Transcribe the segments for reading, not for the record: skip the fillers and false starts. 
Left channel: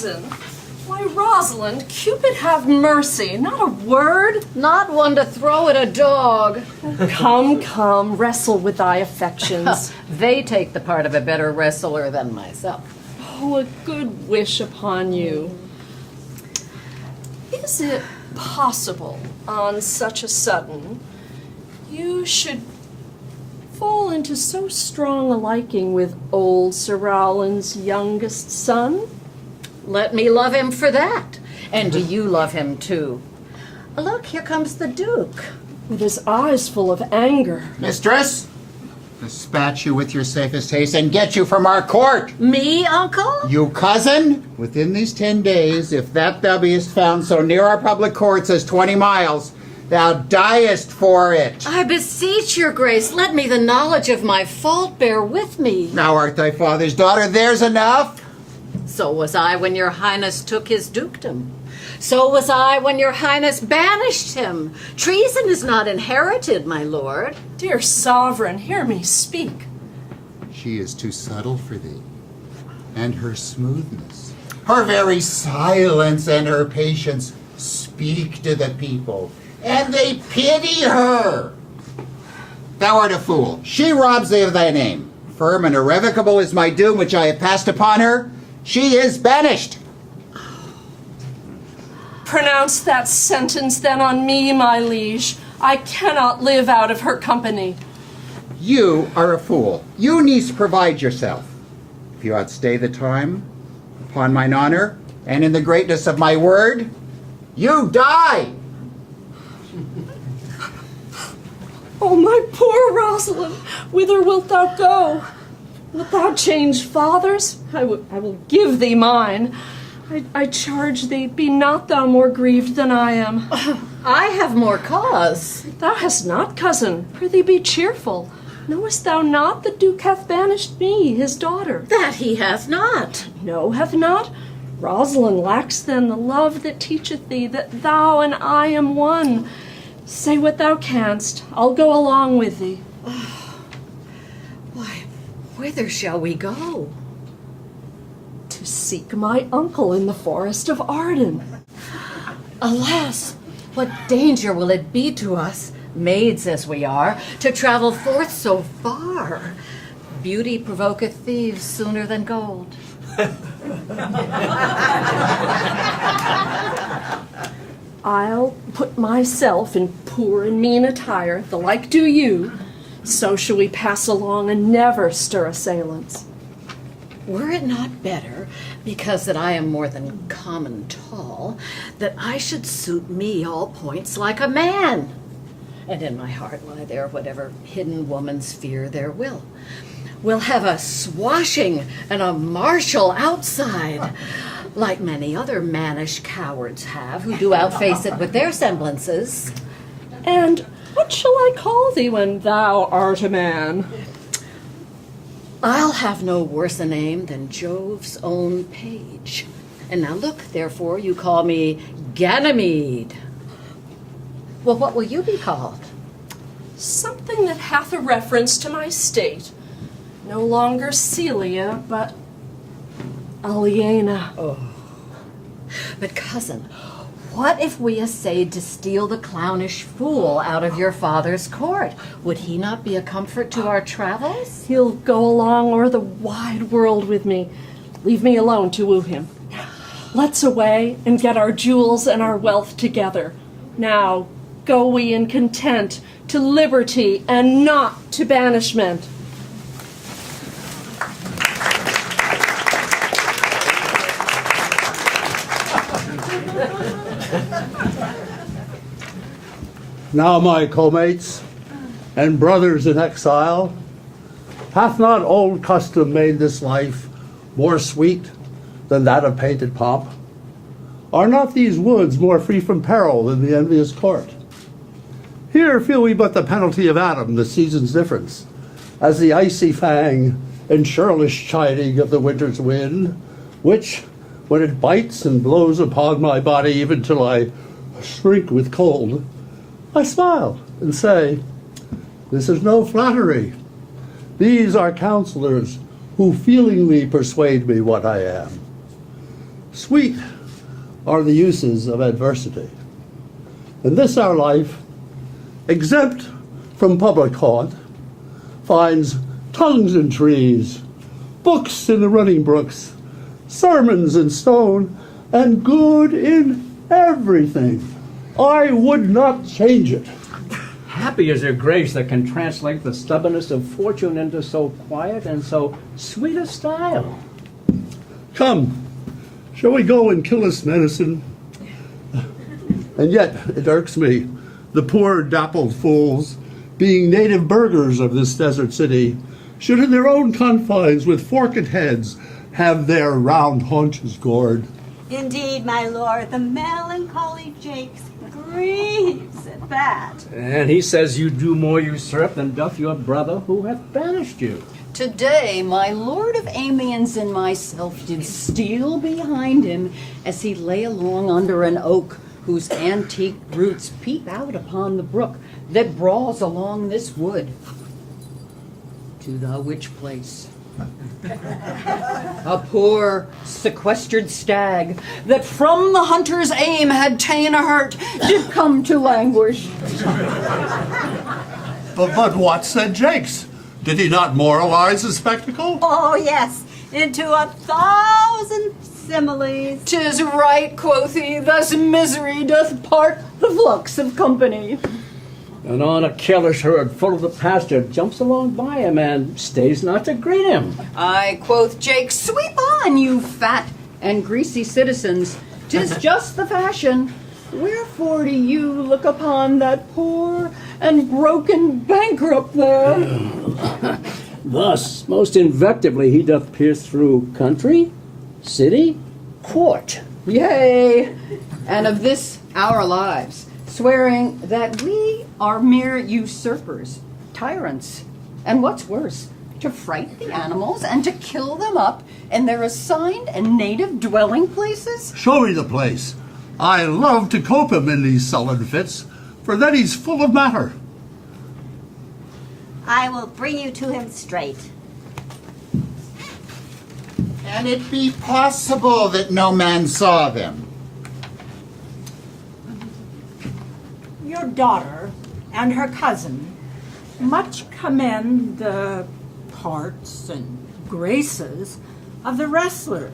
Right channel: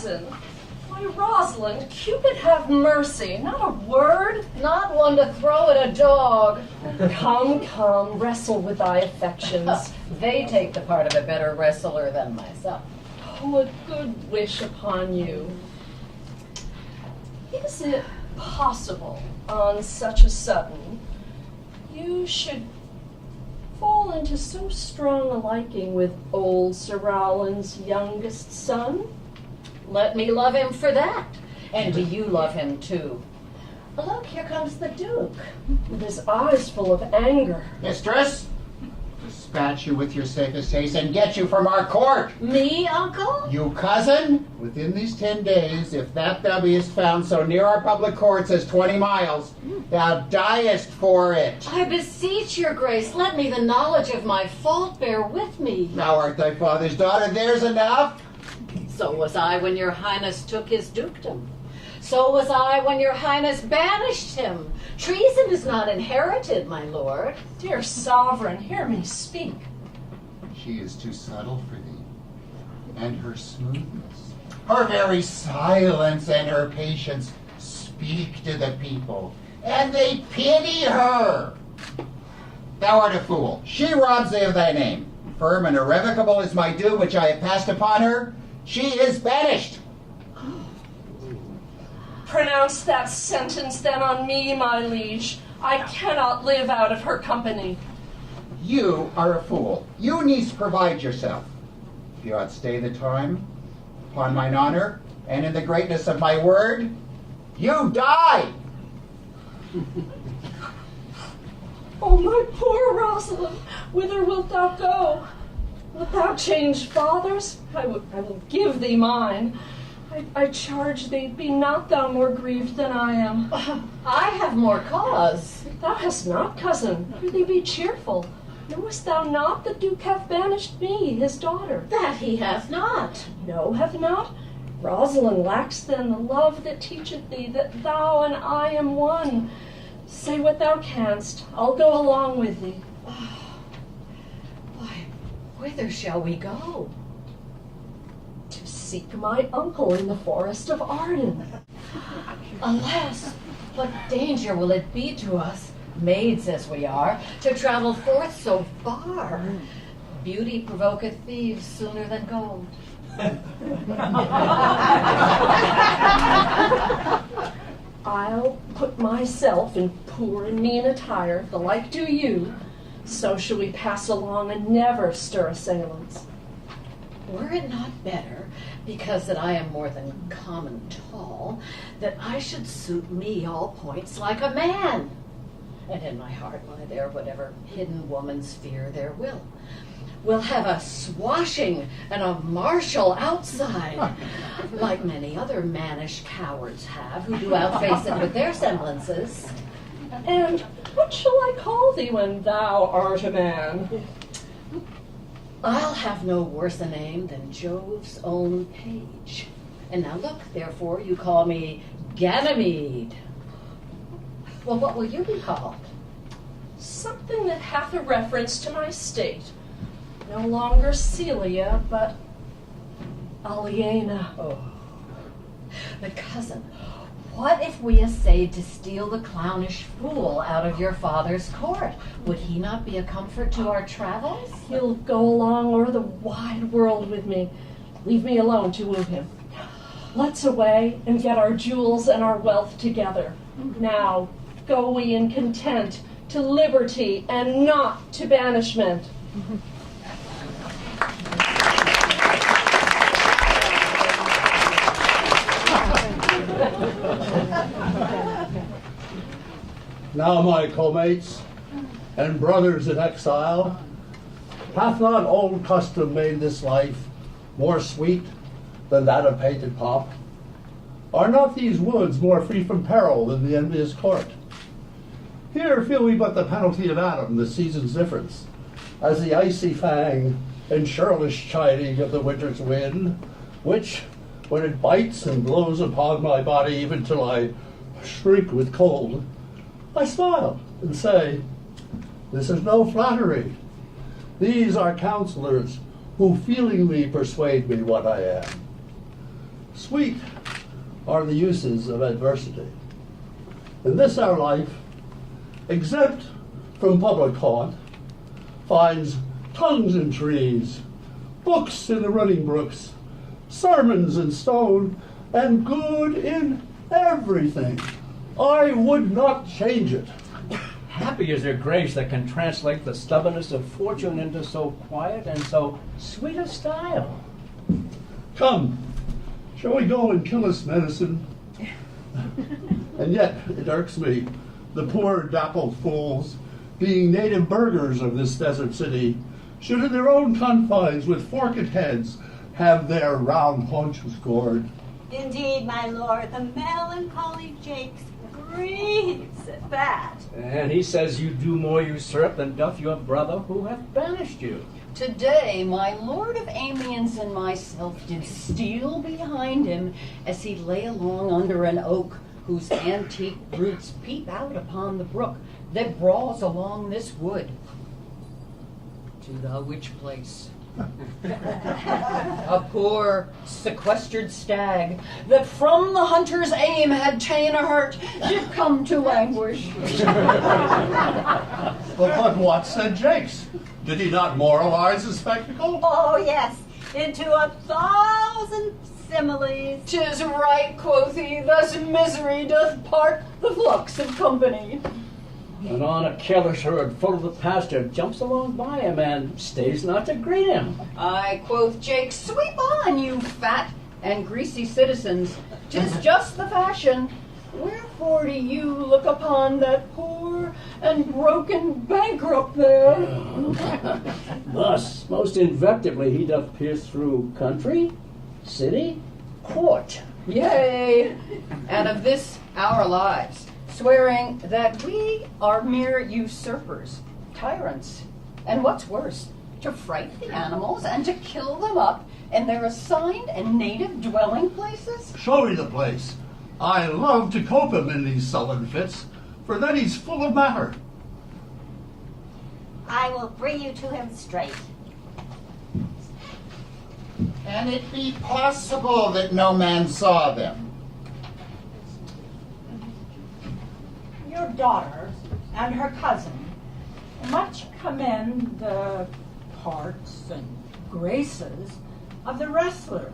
cousin. Why, Rosalind, Cupid have mercy. Not a word. Not one to throw at a dog. Come, come, wrestle with thy affections. They take the part of a better wrestler than myself. Oh, a good wish upon you. Is it possible, on such a sudden, you should fall into so strong a liking with old Sir Rowland's youngest son? Let me love him for that. And do you love him too? Look, here comes the Duke. With his eyes full of anger. Mistress, dispatch you with your safest haste and get you from our court. Me, uncle? You cousin, within these 10 days, if that thou beest found so near our public courts as 20 miles, thou diest for it. I beseech your grace, let me the knowledge of my fault bear with me. Thou art thy father's daughter, there's enough. So was I when your highness took his dukedom. So was I when your highness banished him. Treason is not inherited, my lord. Dear sovereign, hear me speak. She is too subtle for thee, and her smoothness, her very silence and her patience speak to the people, and they pity her. Thou art a fool. She robs thee of thy name. Firm and irrevocable is my doom which I have passed upon her. She is banished. Pronounce that sentence then on me, my liege. I cannot live out of her company. You are a fool. You needs provide yourself. If you outstay the time, upon mine honor, and in the greatness of my word, you die. Oh, my poor Rosalind, whither wilt thou go? Wilt thou change fathers? I will give thee mine. I charge thee, be not thou more grieved than I am. I have more cause. Thou hast not, cousin. Prithee be cheerful. Knowest thou not the Duke hath banished me, his daughter? That he hath not. No, hath not? Rosalind lacks then the love that teacheth thee that thou and I am one. Say what thou canst. I'll go along with thee. Why, whither shall we go? To seek my uncle in the forest of Arden. Alas, what danger will it be to us, maids as we are, to travel forth so far? Beauty provoketh thieves sooner than gold. I'll put myself in poor and mean attire, the like do you. So shall we pass along and never stir assailants. Were it not better, because that I am more than common tall, that I should suit me all points like a man? And in my heart lie there whatever hidden woman's fear there will. We'll have a swashing and a martial outside, like many other mannish cowards have, who do outface it with their semblances. And what shall I call thee when thou art a man? I'll have no worse a name than Jove's own page. And now look, therefore, you call me Ganymede. Well, what will you be called? Something that hath a reference to my state. No longer Celia, but Aliena. Oh. But cousin, what if we essayed to steal the clownish fool out of your father's court? Would he not be a comfort to our travels? He'll go along o'er the wide world with me. Leave me alone to woo him. Let's away and get our jewels and our wealth together. Now, go we in content to liberty and not to banishment. Now, my co-mates and brothers in exile, hath not old custom made this life more sweet than that of painted pomp? Are not these woods more free from peril than the envious court? Here feel we but the penalty of Adam, the season's difference, as the icy fang and churlish chiding of the winter's wind, which, when it bites and blows upon my body even till I shrink with cold, I smile and say, this is no flattery. These are counselors who feelingly persuade me what I am. Sweet are the uses of adversity. In this our life, exempt from public haunt, finds tongues in trees, books in the running brooks, sermons in stone, and good in everything. I would not change it. Happy is your grace that can translate the stubbornness of fortune into so quiet and so sweet a style. Come, shall we go and kill us medicine? And yet it irks me, the poor dappled fools, being native burghers of this desert city, should in their own confines with forked heads have their round haunches gored. Indeed, my lord, the melancholy Jakes grieves at that. And he says you do more usurp than doth your brother who hath banished you. Today, my lord of Amiens and myself did steal behind him as he lay along under an oak whose antique roots peep out upon the brook that brawls along this wood. To the which place a poor sequestered stag that from the hunter's aim had ta'en a hurt did come to languish. But what said Jakes? Did he not moralize the spectacle? Oh, yes, into 1,000 similes. 'Tis right, quoth he, thus misery doth part the flux of company. And on a careless herd full of the pasture jumps along by him and stays not to greet him. Aye, quoth Jake, sweep on, you fat and greasy citizens. 'Tis just the fashion. Wherefore do you look upon that poor and broken bankrupt there? Thus, most invectively he doth pierce through country, city, court. Yea, and of this our lives, swearing that we are mere usurpers, tyrants, and what's worse, to fright the animals and to kill them up in their assigned and native dwelling places? Show me the place. I love to cope him in these sullen fits, for then he's full of matter. I will bring you to him straight. Can it be possible that no man saw them? Your daughter and her cousin much commend the parts and graces of the wrestler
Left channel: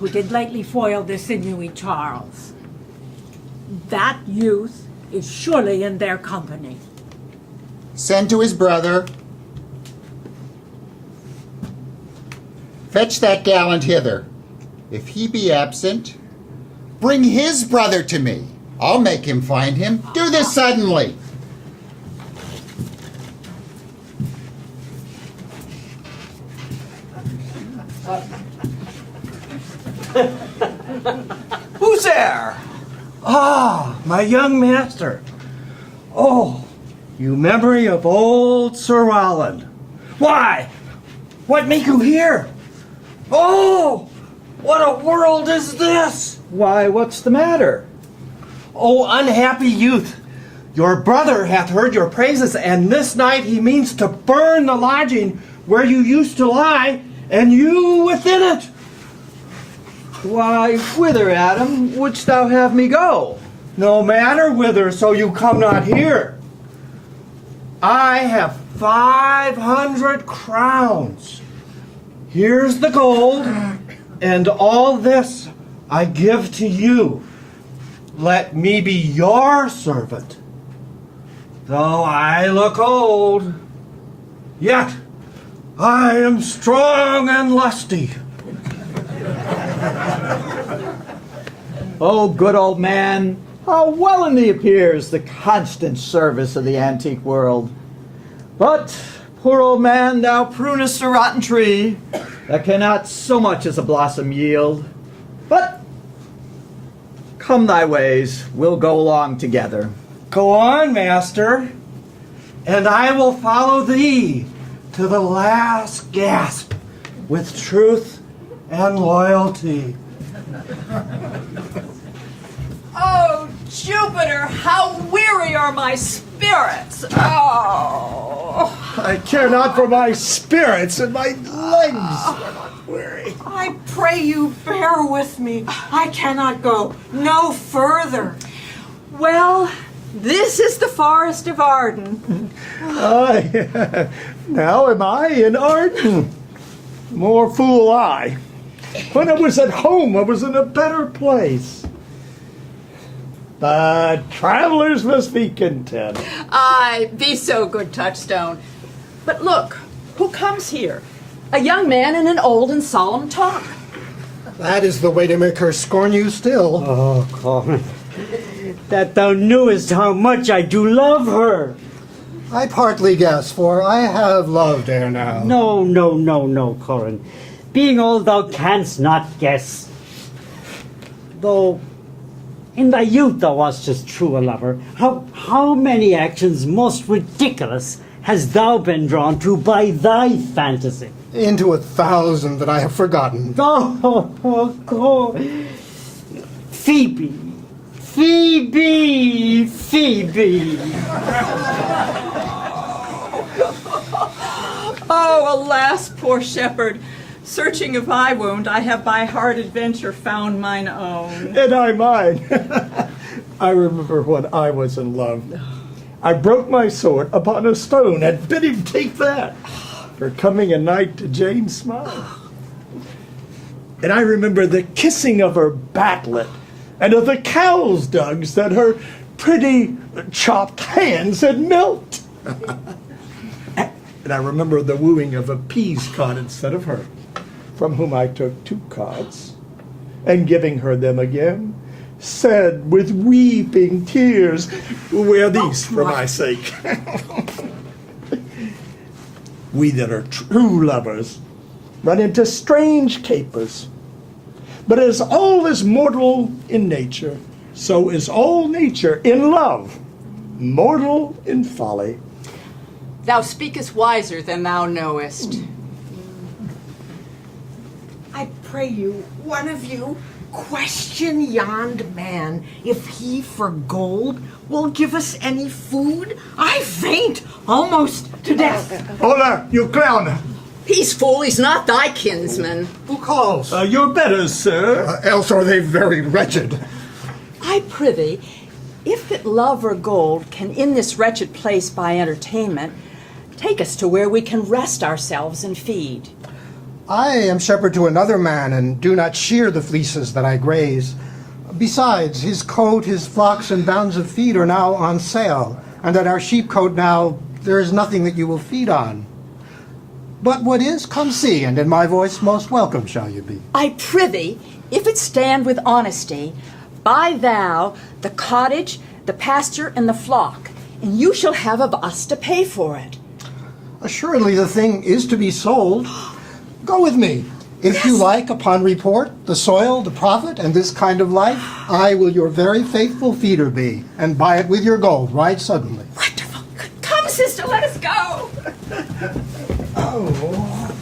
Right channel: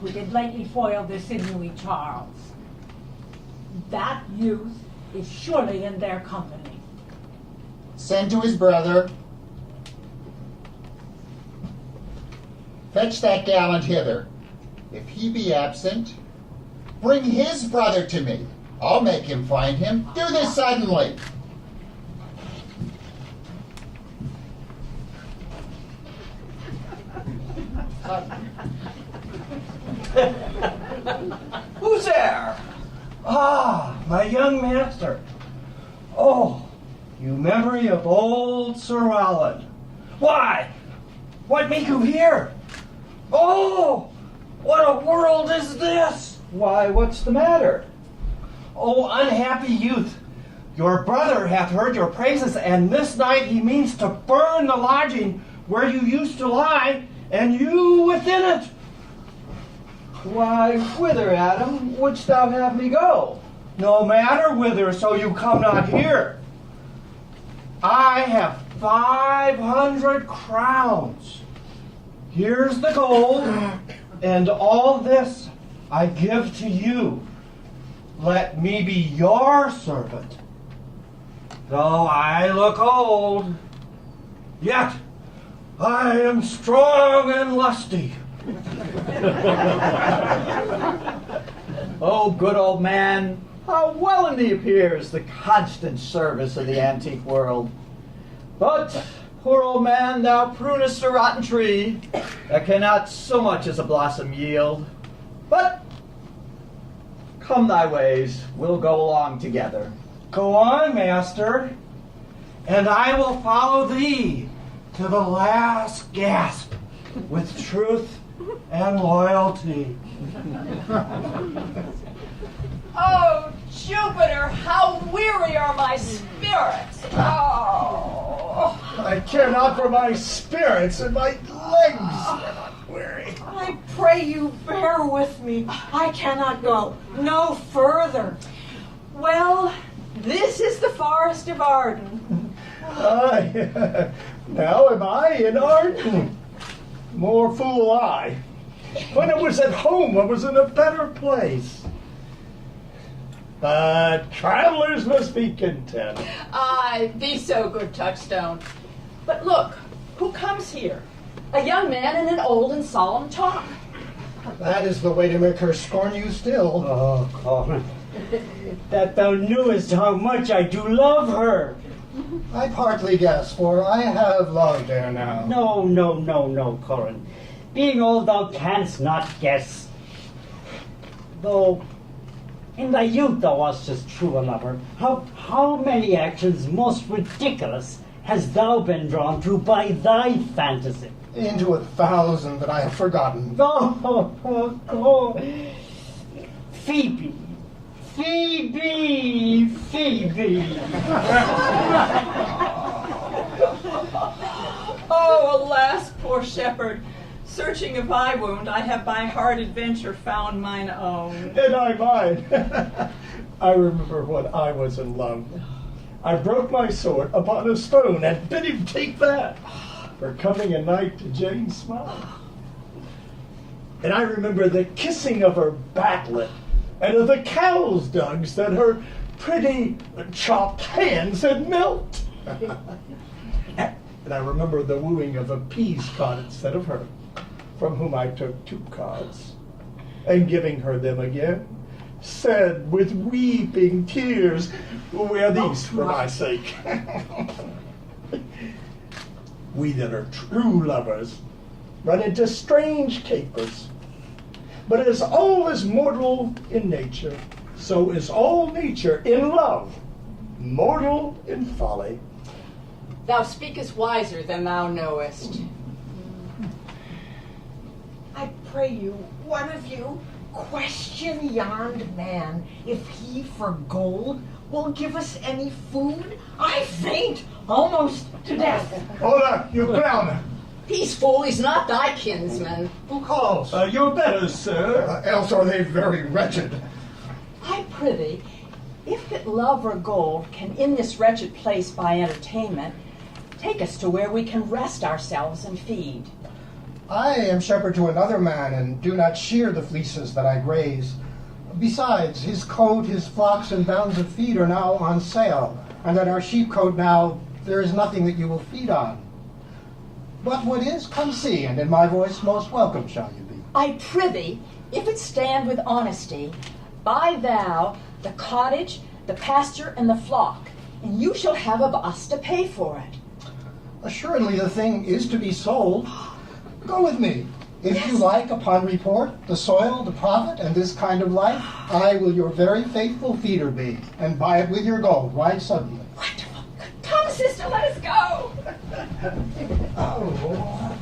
who did lately foil the sinewy Charles. That youth is surely in their company. Send to his brother. Fetch that gallant hither. If he be absent, bring his brother to me. I'll make him find him. Do this suddenly. Who's there? Ah, my young master. Oh, you memory of old Sir Roland. Why, what make you here? Oh, what a world is this? Why, what's the matter? Oh, unhappy youth, your brother hath heard your praises, and this night he means to burn the lodging where you used to lie, and you within it. Why, whither, Adam, wouldst thou have me go? No matter whither, so you come not here. I have 500 crowns. Here's the gold, and all this I give to you. Let me be your servant. Though I look old, yet I am strong and lusty. Oh, good old man, how well in thee appears the constant service of the antique world. But, poor old man, thou prunest a rotten tree that cannot so much as a blossom yield. But, come thy ways, we'll go along together. Go on, master, and I will follow thee to the last gasp with truth and loyalty. Oh, Jupiter, how weary are my spirits! Oh! I care not for my spirits and my legs. Weary. I pray you bear bear with me. I cannot go no further. Well, this is the Forest of Arden. Now am I in Arden? More fool I. When I was at home, I was in a better place. But travelers must be content. Aye, be so good, Touchstone. But look, who comes here? A young man in an old and solemn talk. That is the way to make her scorn you still. Oh, Corin, that thou knewest how much I do love her. I partly guess, for I have loved ere now. No, Corin. Being all thou canst not guess. Though in thy youth thou wast as true a lover, how many actions most ridiculous hast thou been drawn to by thy fantasy? Into 1,000 that I have forgotten. Oh, Phoebe. Oh, alas, poor shepherd. Searching of eye wound, I have by hard adventure found mine own. And I mine. I remember when I was in love. I broke my sword upon a stone and bid him take that for coming a night to Jane's smile. And I remember the kissing of her backlet and of the cow's dugs that her pretty chopped hands had milked. And I remember the wooing of a peas cod instead of her, from whom I took 2 cods, and giving her them again, said with weeping tears, "Wear these for my sake." We that are true lovers run into strange capers. But as all is mortal in nature, so is all nature in love, mortal in folly. Thou speakest wiser than thou knowest. I pray you, one of you, question yond man if he for gold will give us any food. I faint almost to death. Hola, you clown! Peace, fool, he's not thy kinsman. Who calls? Your betters, sir. Else are they very wretched. I prithee, if that love or gold can in this wretched place buy entertainment, take us to where we can rest ourselves and feed. I am shepherd to another man, and do not shear the fleeces that I graze. Besides, his coat, his flocks, and bounds of feed are now on sale, and at our sheepcote now there is nothing that you will feed on. But what is, come see, and in my voice most welcome shall you be. I prithee, if it stand with honesty, buy thou the cottage, the pasture, and the flock, and you shall have of us to pay for it. Assuredly the thing is to be sold. Go with me. If you like, upon report, the soil, the profit, and this kind of life, I will your very faithful feeder be, and buy it with your gold right suddenly. Wonderful. Come, sister, let us go. Oh.